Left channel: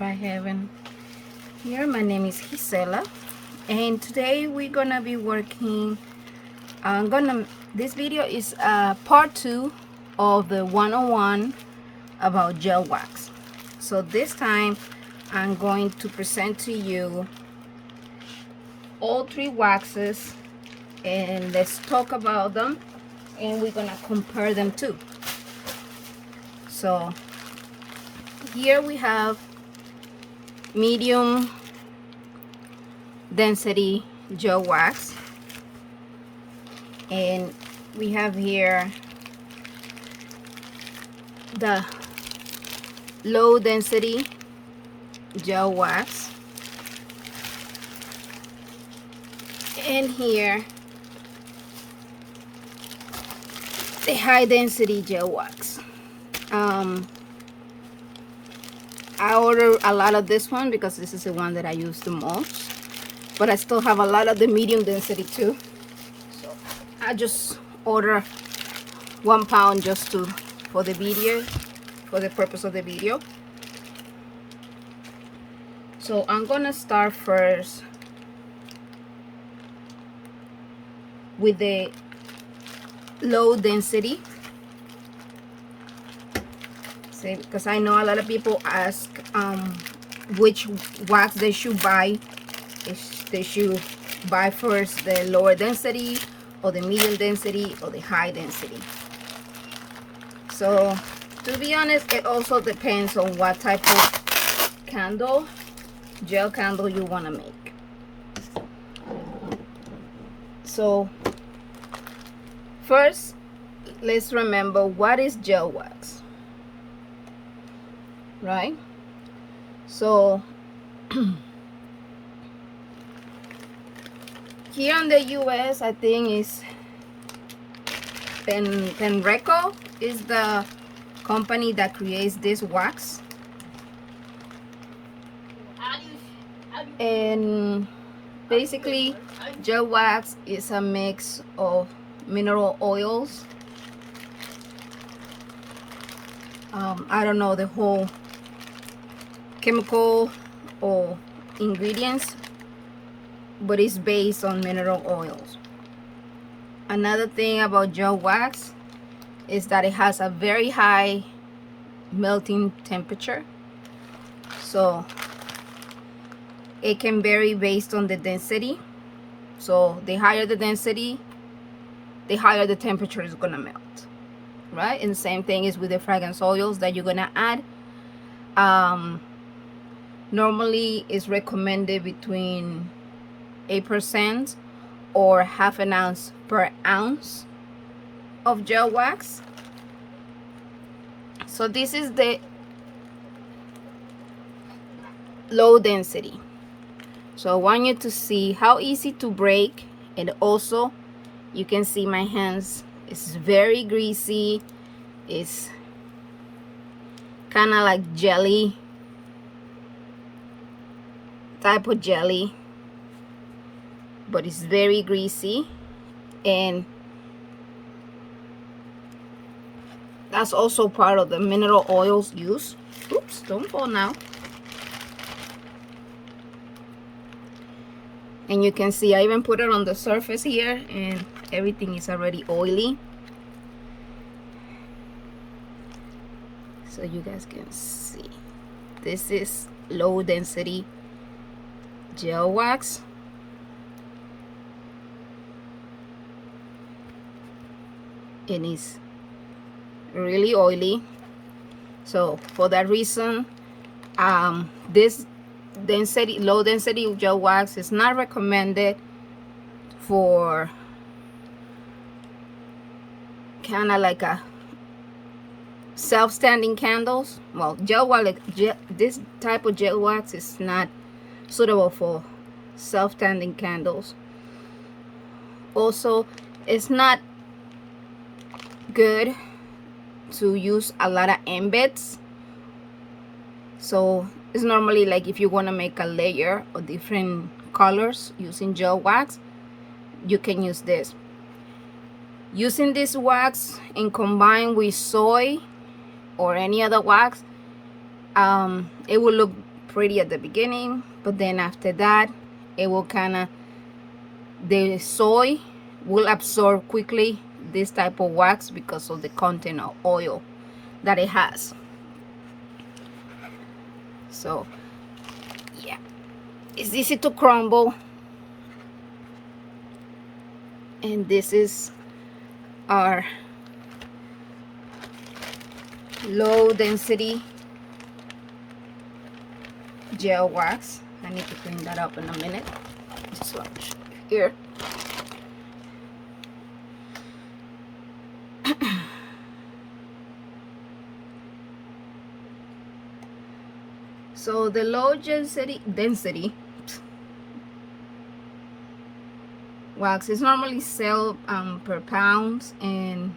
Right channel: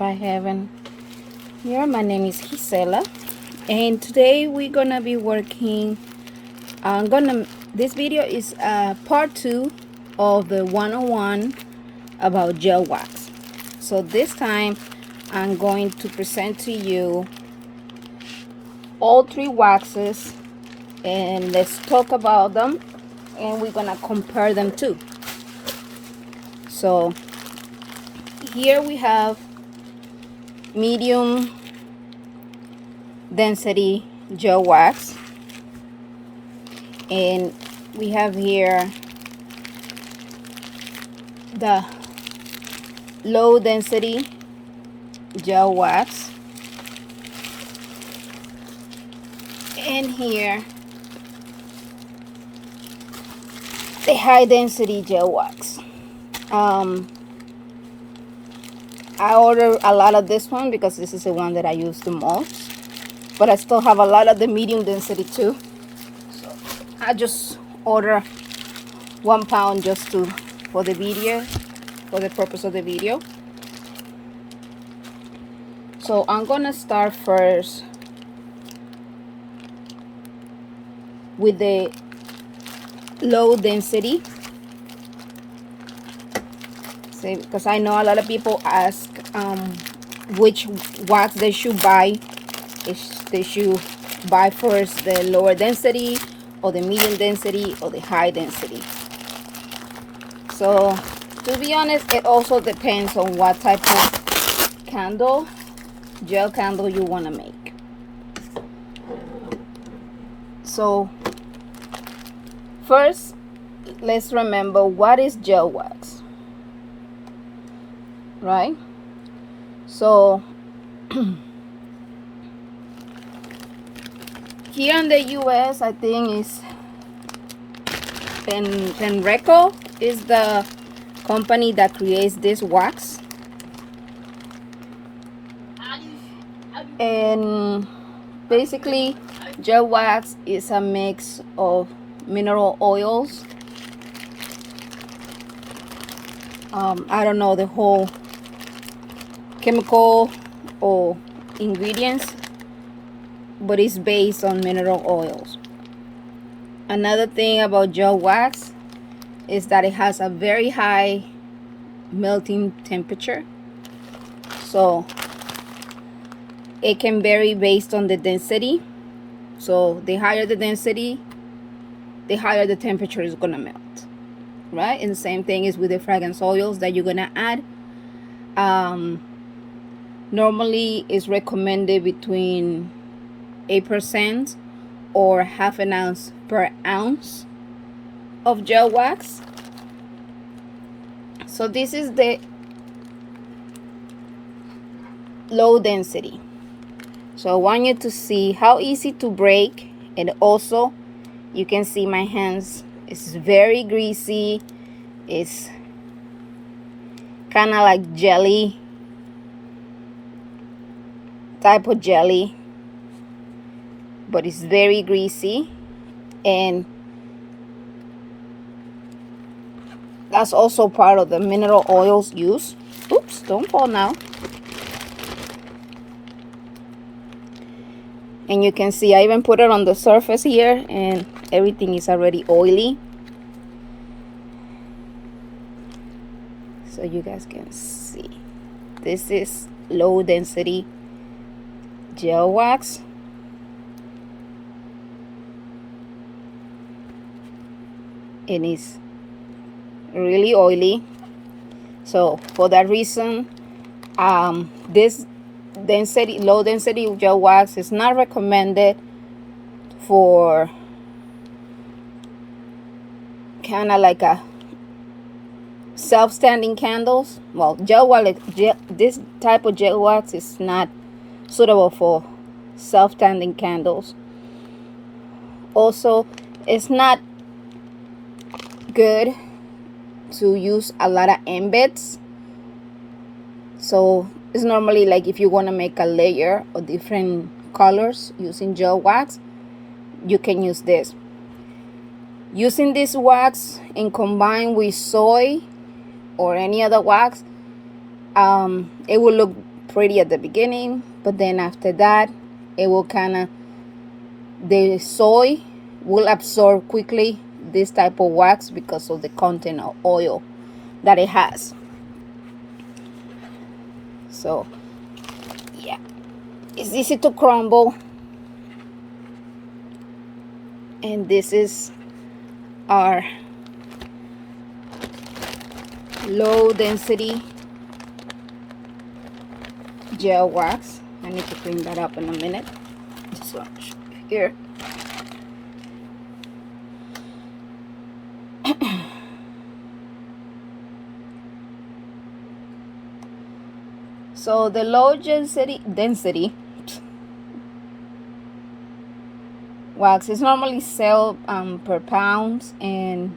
ScentByHeaven. Here, my name is Gisela, and today we're gonna be working. This video is part 2 of the 101 about gel wax. So this time, I'm going to present to you all 3 waxes, and let's talk about them, and we're gonna compare them too. So here we have medium density gel wax, and we have here the low density gel wax, and here the high density gel wax. I ordered a lot of this one because this is the one that I use the most, but I still have a lot of the medium density too. So I just order 1 pound just for the video, for the purpose of the video. So I'm gonna start first with the low density. Because I know a lot of people ask which wax they should buy. If they should buy first the lower density or the medium density or the high density. So to be honest, it also depends on what type of candle, gel candle you want to make. So first, let's remember what is gel wax. Right? So here in the US, I think is Penreco is the company that creates this wax. And basically, gel wax is a mix of mineral oils. I don't know the whole chemical or ingredients, but it's based on mineral oils. Another thing about gel wax is that it has a very high melting temperature, so it can vary based on the density. So the higher the density, the higher the temperature is gonna melt, right? And the same thing is with the fragrance oils that you're gonna add. Normally is recommended between 8% or half an ounce per ounce of gel wax. So this is the low density. So I want you to see how easy to break, and also you can see my hands. It's very greasy. It's kind of like jelly type of jelly, but it's very greasy, and that's also part of the mineral oils used. Oops, don't fall now. And you can see I even put it on the surface here, and everything is already oily, so you guys can see. This is low density gel wax. It is really oily, so for that reason, this low density gel wax is not recommended for kind of like a self-standing candles. Well, this type of gel wax is not suitable for self-standing candles. Also, it's not good to use a lot of embeds. So it's normally like if you want to make a layer of different colors using gel wax, you can use this. Using this wax and combined with soy or any other wax, it will look pretty at the beginning, but then after that it will the soy will absorb quickly this type of wax because of the content of oil that it has. So yeah, it's easy to crumble, and this is our low density gel wax. I need to clean that up in a minute. Just going to show you here. So the low density wax is normally sold per pound, and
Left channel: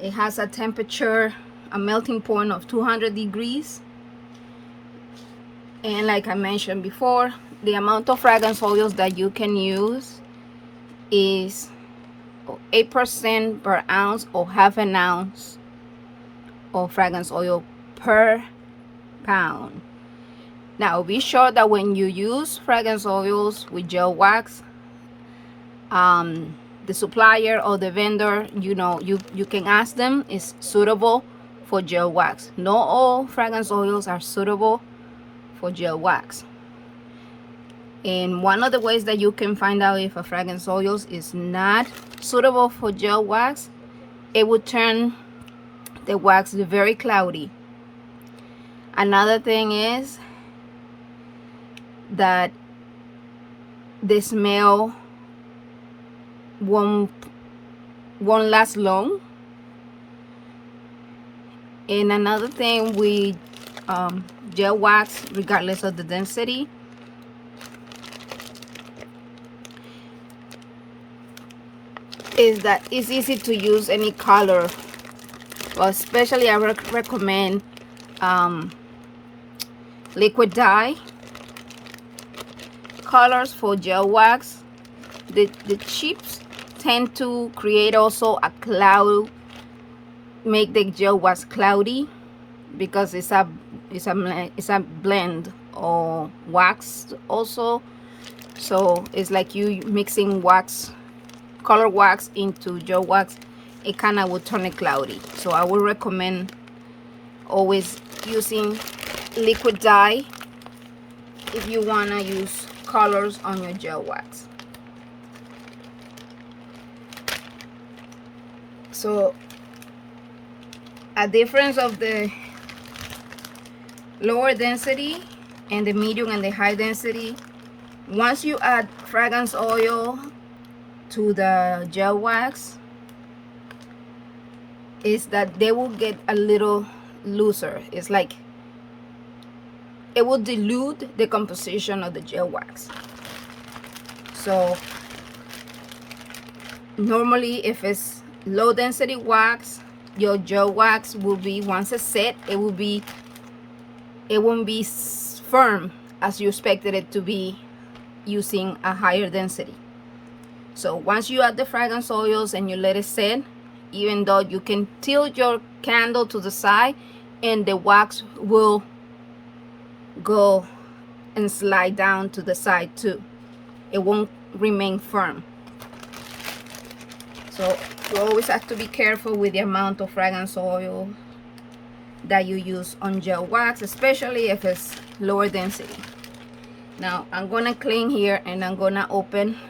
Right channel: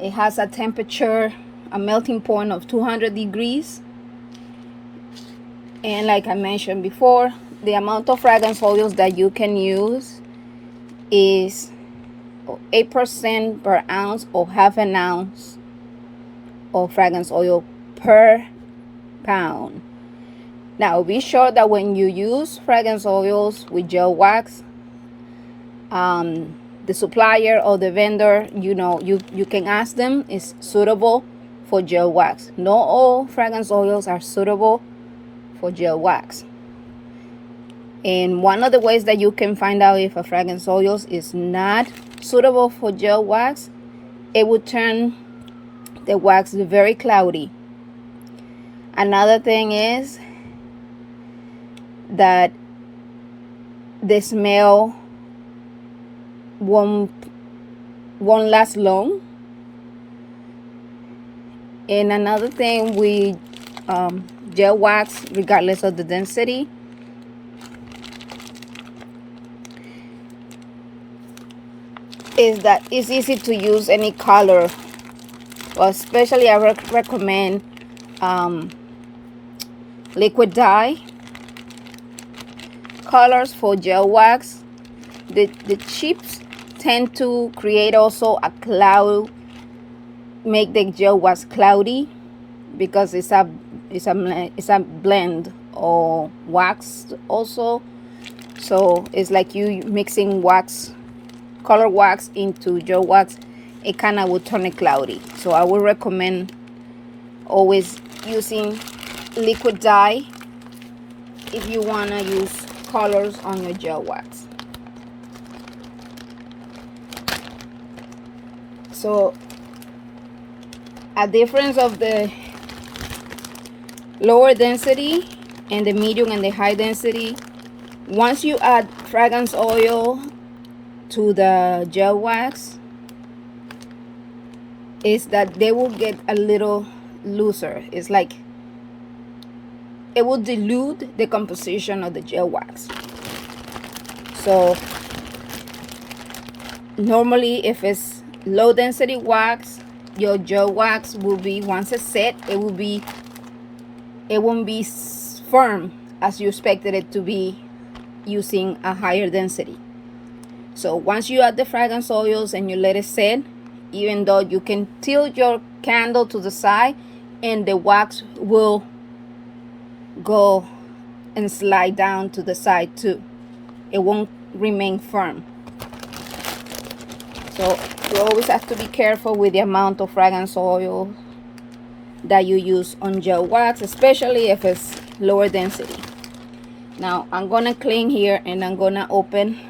it has a temperature, a melting point of 200 degrees. And like I mentioned before, the amount of fragrance oils that you can use is 8% per ounce or half an ounce of fragrance oil per pound. Now be sure that when you use fragrance oils with gel wax, the supplier or the vendor, you can ask them, is suitable for gel wax. Not all fragrance oils are suitable for gel wax. And one of the ways that you can find out if a fragrance oil is not suitable for gel wax, it would turn the wax very cloudy. Another thing is that the smell won't last long. And another thing with gel wax, regardless of the density, is that it's easy to use any color. Well, especially I recommend liquid dye colors for gel wax. The chips tend to create also a cloud, make the gel wax cloudy, because it's a blend or wax also. So it's like you mixing wax, color wax into gel wax. It kind of will turn it cloudy. So I would recommend always using liquid dye if you want to use colors on your gel wax. So a difference of the lower density and the medium and the high density, once you add fragrance oil to the gel wax, is that they will get a little looser. It's like it will dilute the composition of the gel wax. So normally if it's low density wax, your gel wax will be, once it's set, it won't be firm as you expected it to be using a higher density. So once you add the fragrance oils and you let it set, even though you can tilt your candle to the side and the wax will go and slide down to the side too, it won't remain firm. So you always have to be careful with the amount of fragrance oil that you use on gel wax, especially if it's lower density. Now I'm gonna clean here and I'm gonna open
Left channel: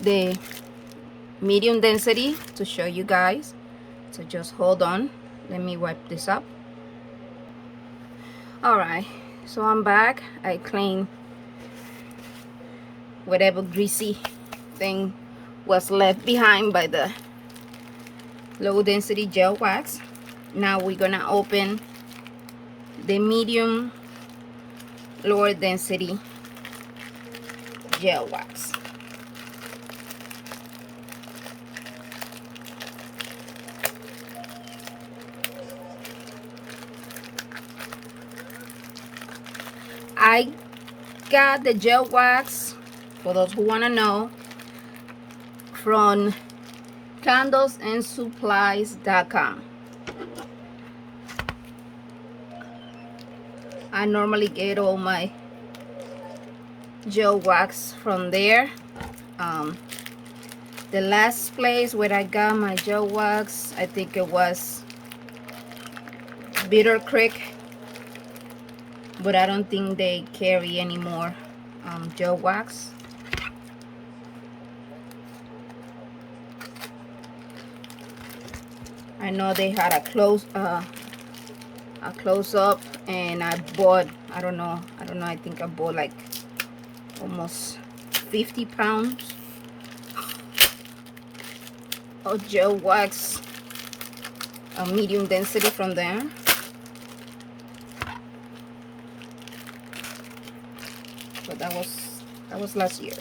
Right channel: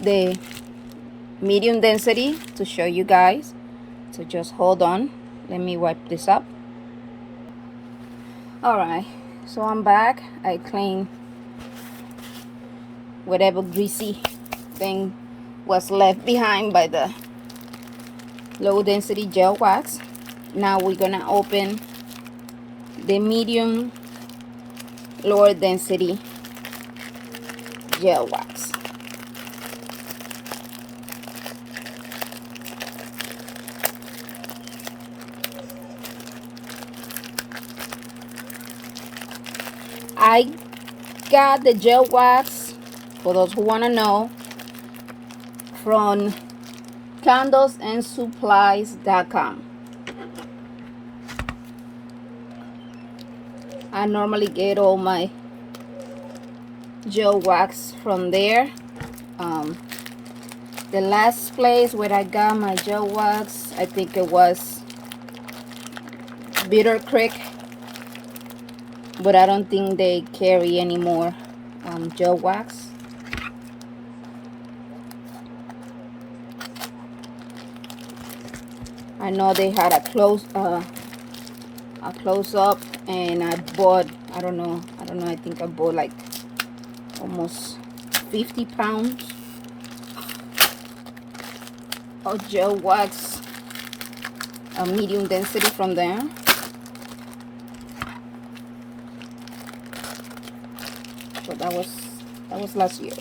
the medium density to show you guys. So just hold on, let me wipe this up. Alright, so I'm back. I cleaned whatever greasy thing was left behind by the low density gel wax. Now we're gonna open the medium lower density gel wax. I got the gel wax, for those who want to know, from candlesandSupplies.com. I normally get all my gel wax from there. The last place where I got my gel wax, I think it was Bitter Creek, but I don't think they carry any more gel wax. I know they had a close up, and I bought, I don't know, I think I bought like almost 50 pounds of gel wax, a medium density from there. But that was last year.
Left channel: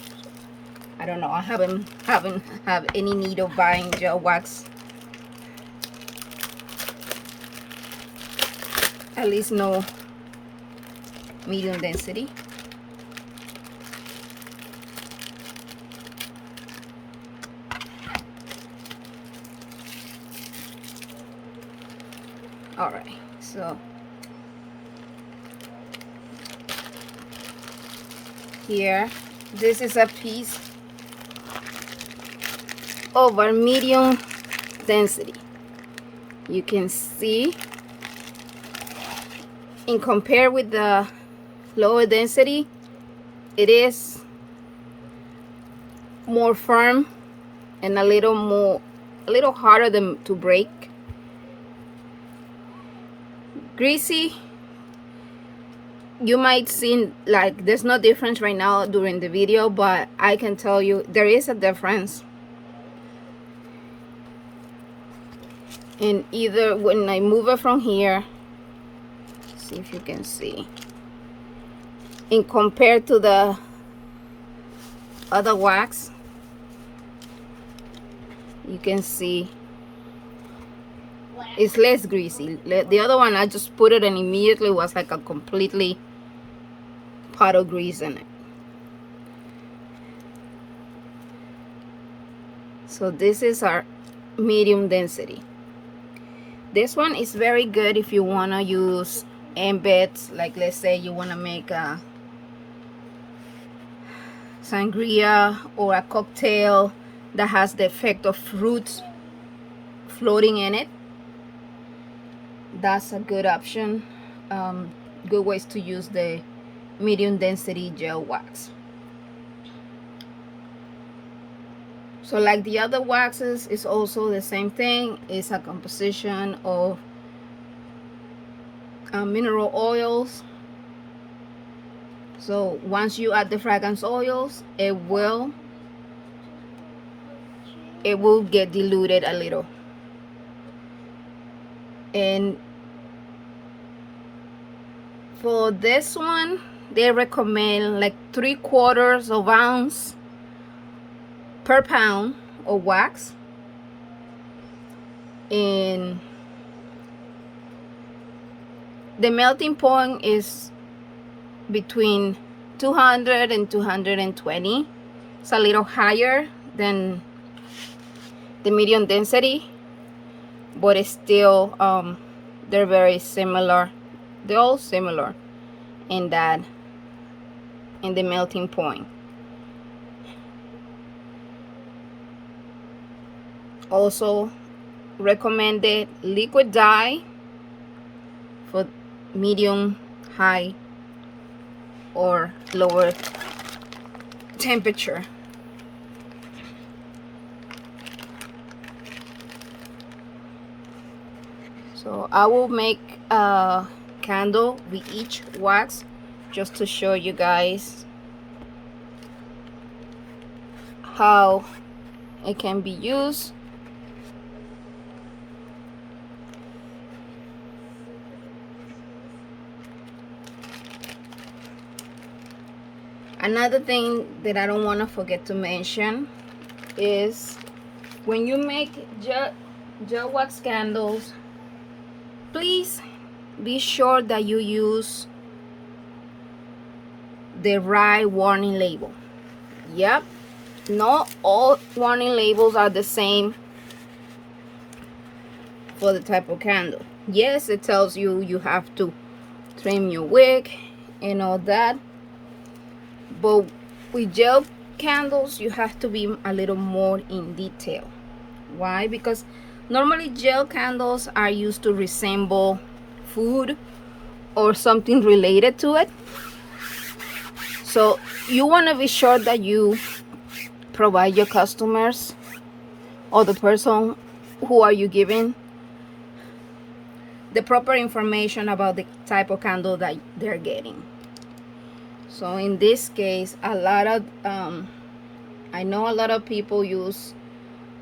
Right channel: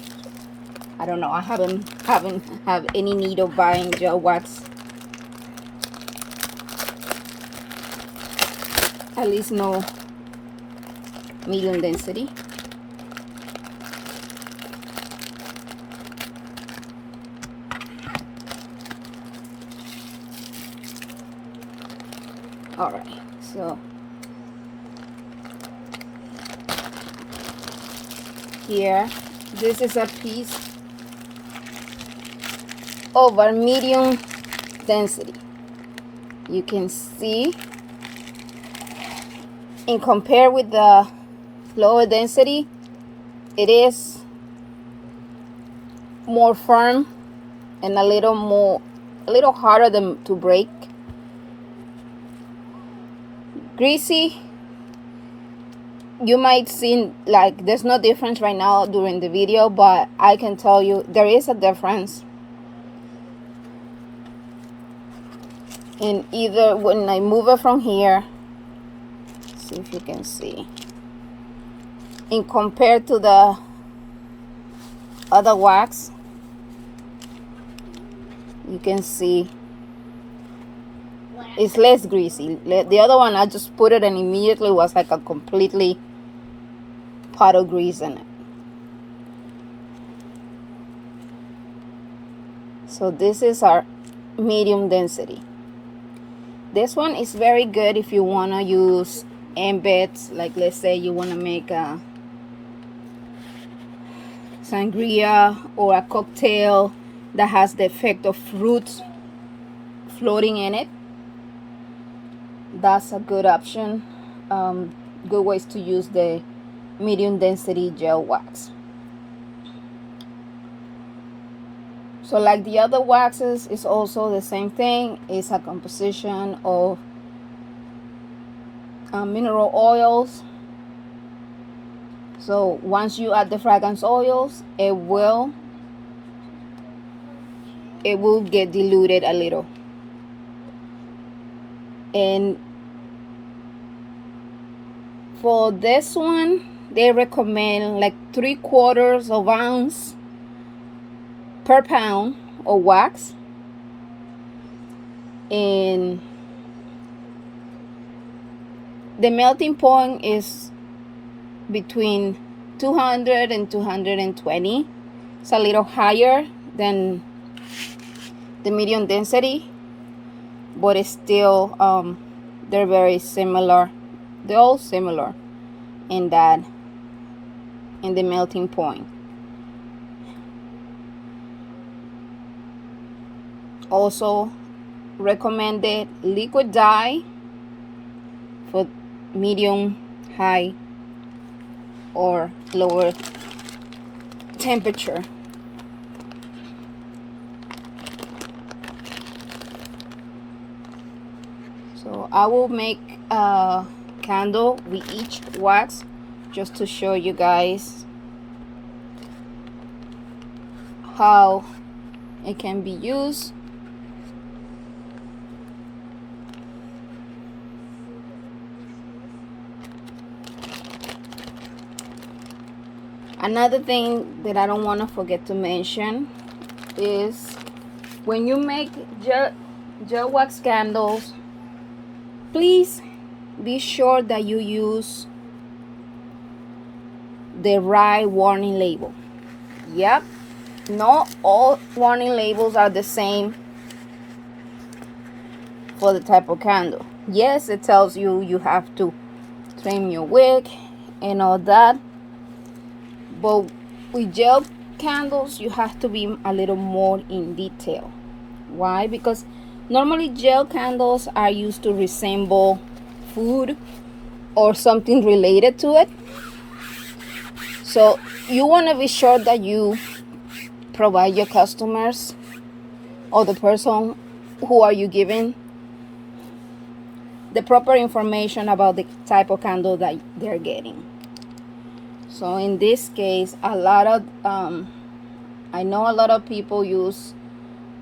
I don't know. I haven't have any need of buying gel wax. At least no medium density. All right, so here, this is a piece of our medium density. You can see, in compare with the lower density, it is more firm and a little harder to break. Greasy, you might see like there's no difference right now during the video, but I can tell you there is a difference in either when I move it from here. See if you can see, in compared to the other wax, you can see it's less greasy. The other one, I just put it and immediately was like a completely pot of grease in it. So this is our medium density. This one is very good if you want to use embeds, like let's say you want to make a sangria or a cocktail that has the effect of fruits floating in it. That's a good option. Good ways to use the medium density gel wax. So like the other waxes, it's also the same thing. It's a composition of mineral oils. So once you add the fragrance oils, it will get diluted a little. And for this one, they recommend like 3/4 ounce per pound of wax. And the melting point is between 200 and 220. It's a little higher than the medium density, but it's still they're very similar. They're all similar in the melting point. Also recommended liquid dye for medium, high, or lower temperature. So I will make a candle with each wax just to show you guys how it can be used. Another thing that I don't want to forget to mention is when you make gel wax candles, please be sure that you use the right warning label. Yep, not all warning labels are the same for the type of candle. Yes, it tells you you have to clean your wick and all that. But with gel candles, you have to be a little more in detail. Why? Because normally gel candles are used to resemble food or something related to it. So you want to be sure that you provide your customers or the person who are you giving the proper information about the type of candle that they're getting. So in this case, a lot of I know a lot of people use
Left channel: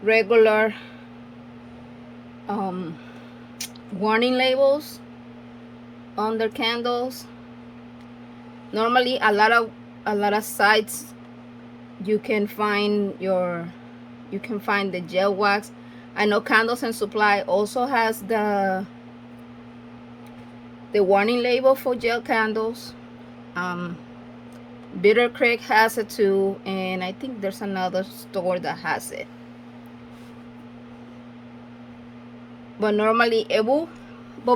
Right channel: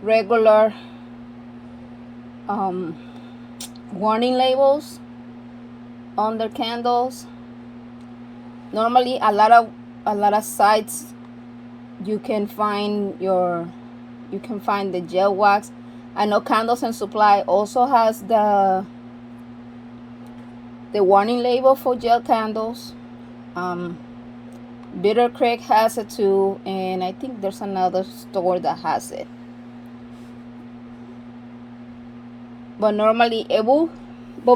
regular warning labels on their candles. Normally a lot of sites you can find the gel wax. I know Candles and Supply also has the warning label for gel candles. Bitter Creek has it too, and I think there's another store that has it. But normally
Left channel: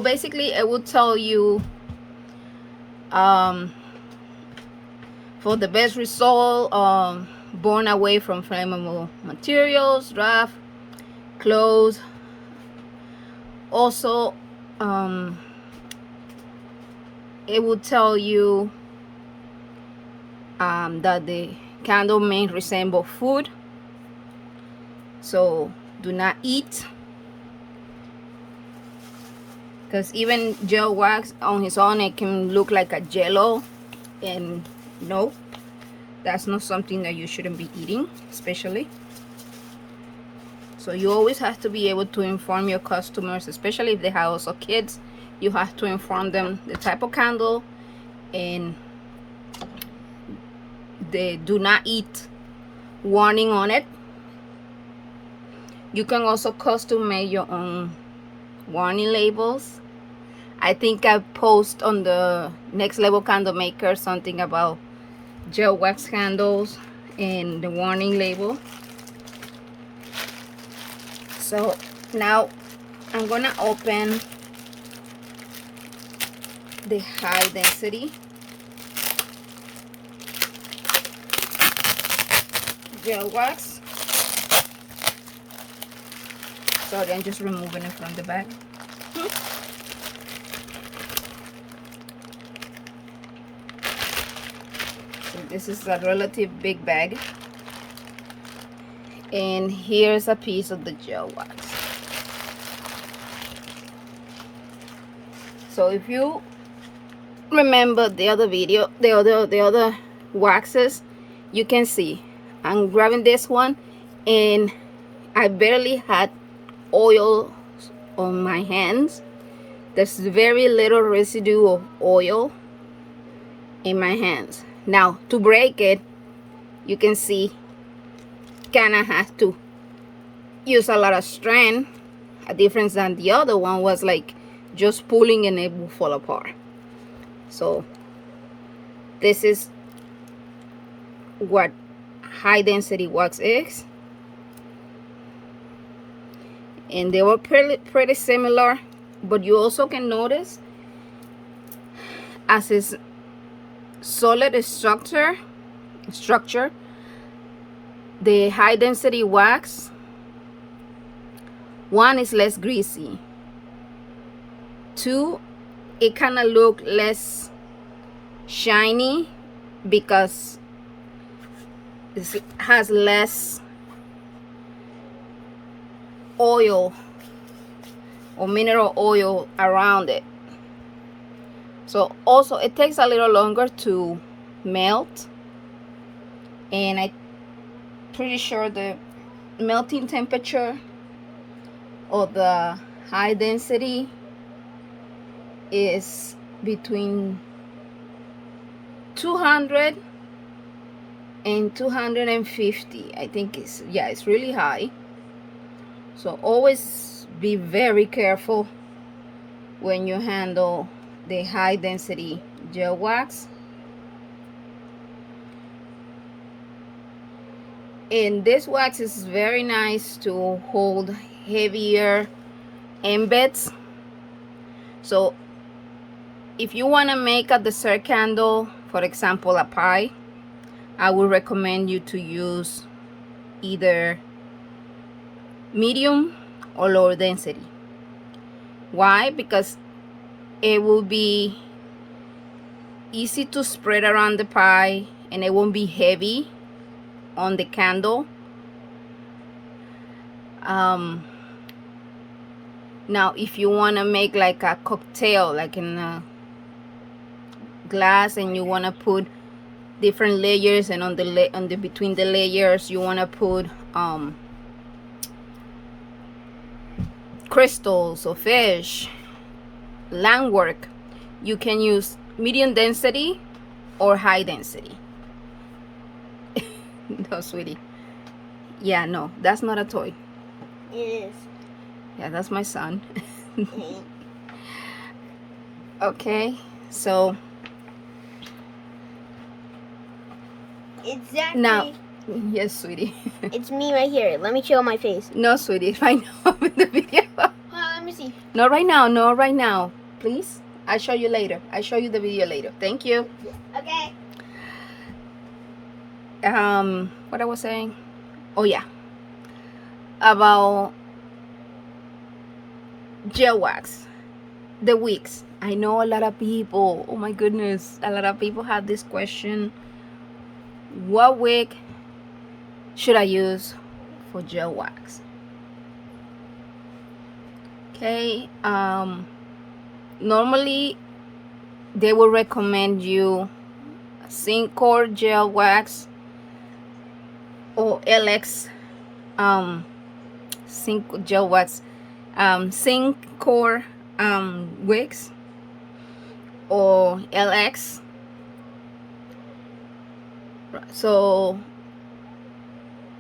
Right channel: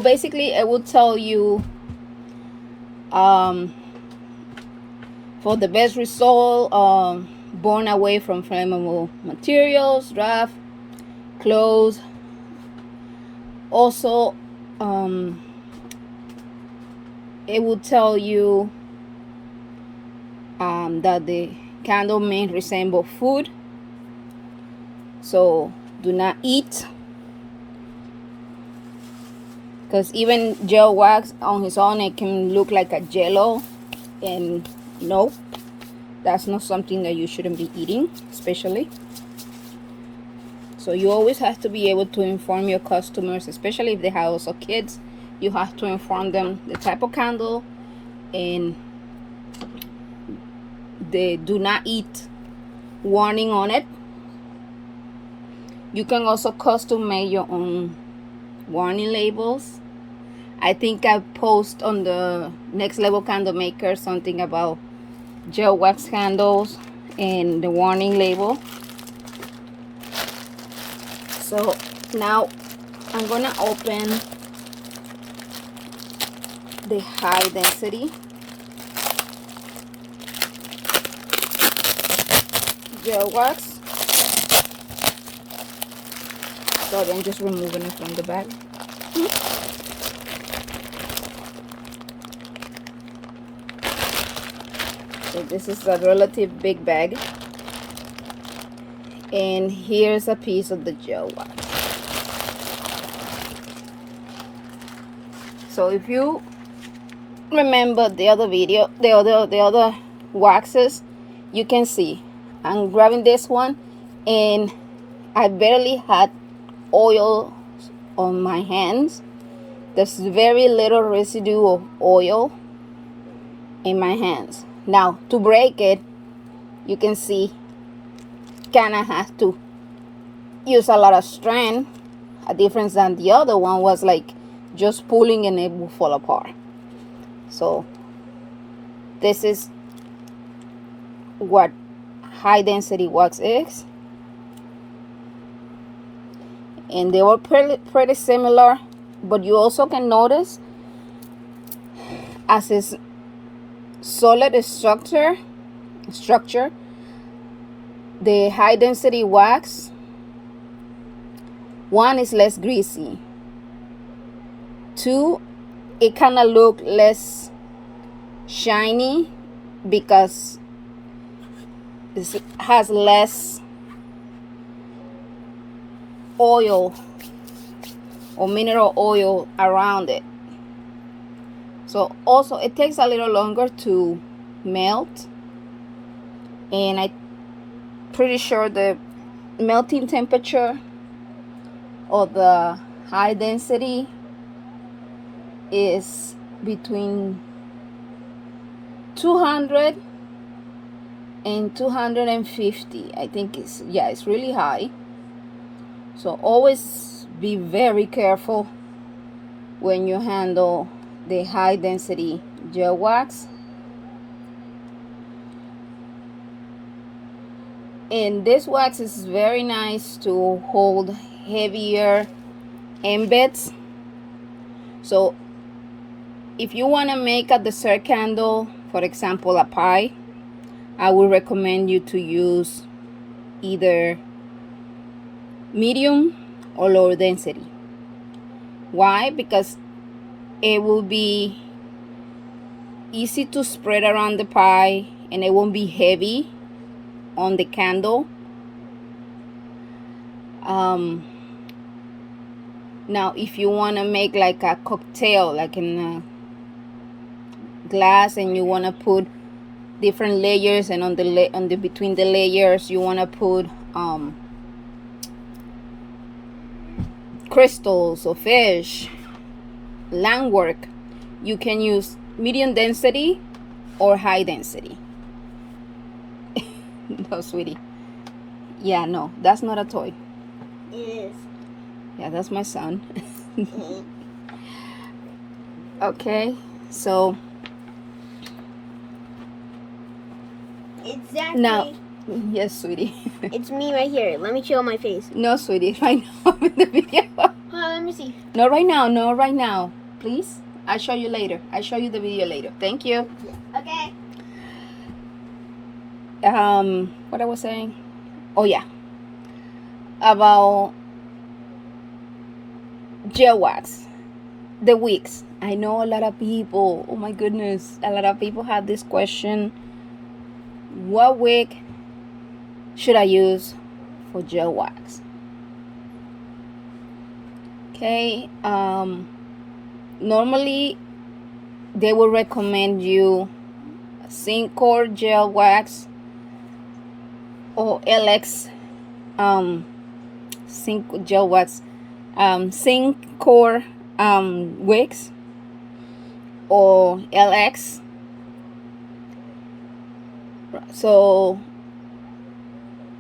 basically it will tell you for the best result, burn away from flammable materials, draft, clothes. Also, it will tell you that the candle may resemble food, so do not eat, because even gel wax on its own, it can look like a jello, and no, that's not something that you shouldn't be eating, especially. So you always have to be able to inform your customers, especially if they have also kids. You have to inform them the type of candle and the do not eat warning on it. You can also custom make your own warning labels. I think I post on the Next Level Candle Maker something about gel wax candles and the warning label. So now I'm gonna open the high density gel wax. Sorry, I'm just removing it from the bag. So this is a relative big bag, and here's a piece of the gel wax. So if you remember the other video, the other waxes, you can see I'm grabbing this one and I barely had oil on my hands. There's very little residue of oil in my hands. Now to break it, you can see kinda have to use a lot of strength. A difference than the other one was like just pulling and it will fall apart. So this is what high density wax is, and they were pretty similar, but you also can notice as its solid structure, the high density wax, one, is less greasy, two, it kind of look less shiny because it has less oil or mineral oil around it. So also it takes a little longer to melt, and I'm pretty sure the melting temperature of the high density is between 200 and 250. I think it's really high. So always be very careful when you handle the high density gel wax. And this wax is very nice to hold heavier embeds. So if you want to make a dessert candle, for example a pie, I would recommend you to use either medium or lower density. Why? Because it will be easy to spread around the pie and it won't be heavy on the candle. Now if you want to make like a cocktail, like in a glass, and you want to put different layers, and on the between the layers you want to put crystals or fish, lamp work, you can use medium density or high density. No, sweetie. Yeah, no, that's not a toy. It is. Yeah, that's my son. Okay, so Exactly. now, yes, sweetie. It's me right here. Let me show my face. No, sweetie, right now in the video. Let me see. No, right now, no, right now. Please, I'll show you later. I'll show you the video later. Thank you. Okay. What I was saying? Oh yeah, about gel wax, the wicks. I know a lot of people, oh my goodness, a lot of people have this question: what wick should I use for gel wax? Okay, normally they will recommend you zinc core gel wax or LX zinc gel wax, zinc core wicks or LX. So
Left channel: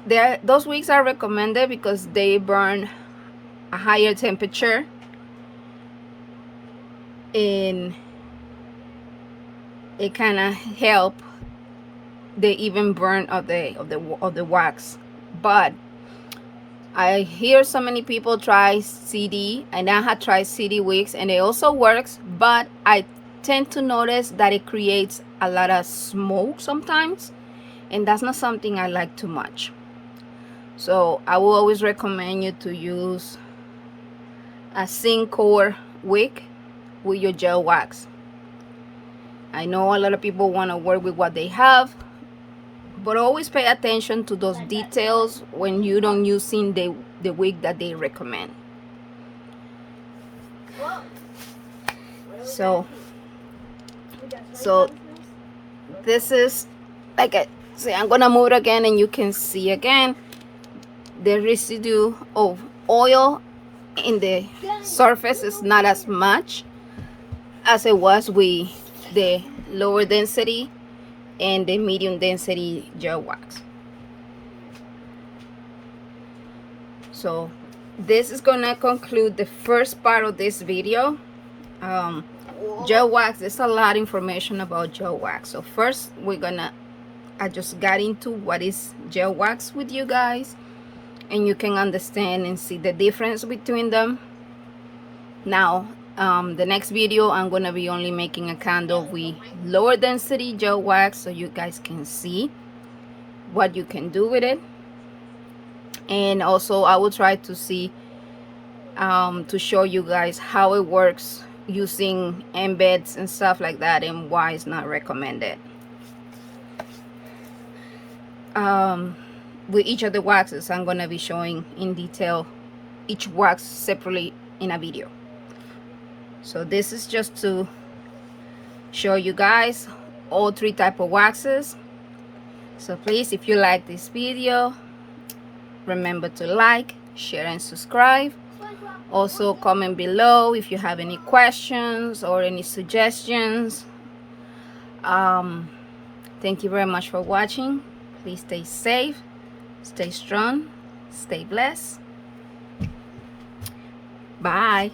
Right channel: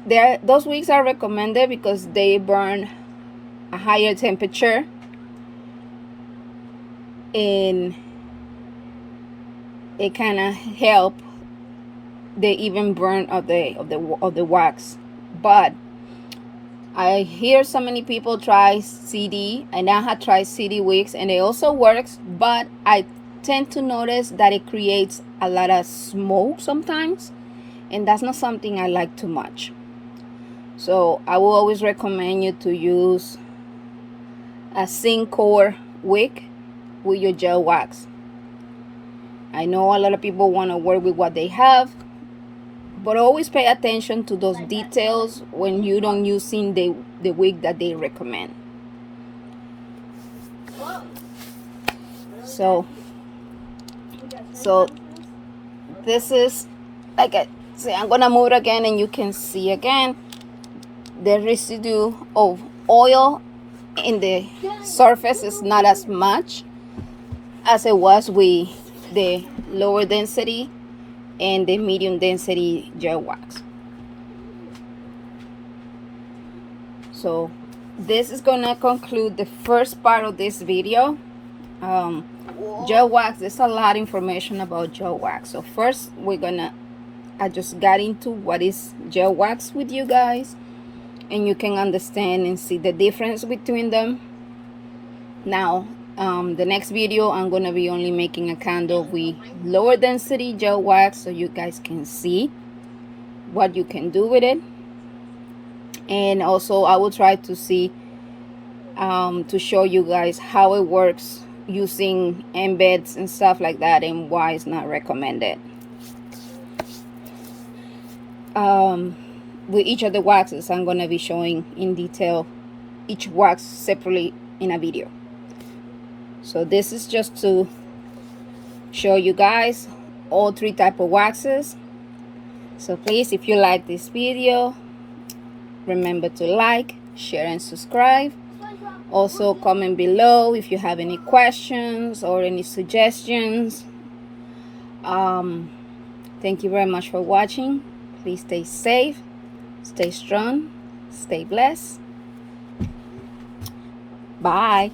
those wicks are recommended because they burn a higher temperature, and it kind of help the even burn of the wax. But I hear so many people try CD, and I have tried CD wicks and it also works, but I tend to notice that it creates a lot of smoke sometimes, and that's not something I like too much. So I will always recommend you to use a zinc core wick with your gel wax. I know a lot of people want to work with what they have, but always pay attention to those details when you don't using the wick that they recommend. So this is, like I say, I'm gonna move it again and you can see again the residue of oil in the surface is not as much as it was with the lower density and the medium density gel wax. So this is gonna conclude the first part of this video. Gel wax, there's a lot of information about gel wax. So first I just got into what is gel wax with you guys, and you can understand and see the difference between them. Now the next video I'm gonna be only making a candle with lower density gel wax, so you guys can see what you can do with it. And also I will try to see to show you guys how it works using embeds and stuff like that, and why it's not recommended. With each of the waxes, I'm gonna be showing in detail each wax separately in a video. So this is just to show you guys all three type of waxes. So please, if you like this video, remember to like, share, and subscribe. Also comment below if you have any questions or any suggestions. Thank you very much for watching. Please stay safe, stay strong, stay blessed. Bye.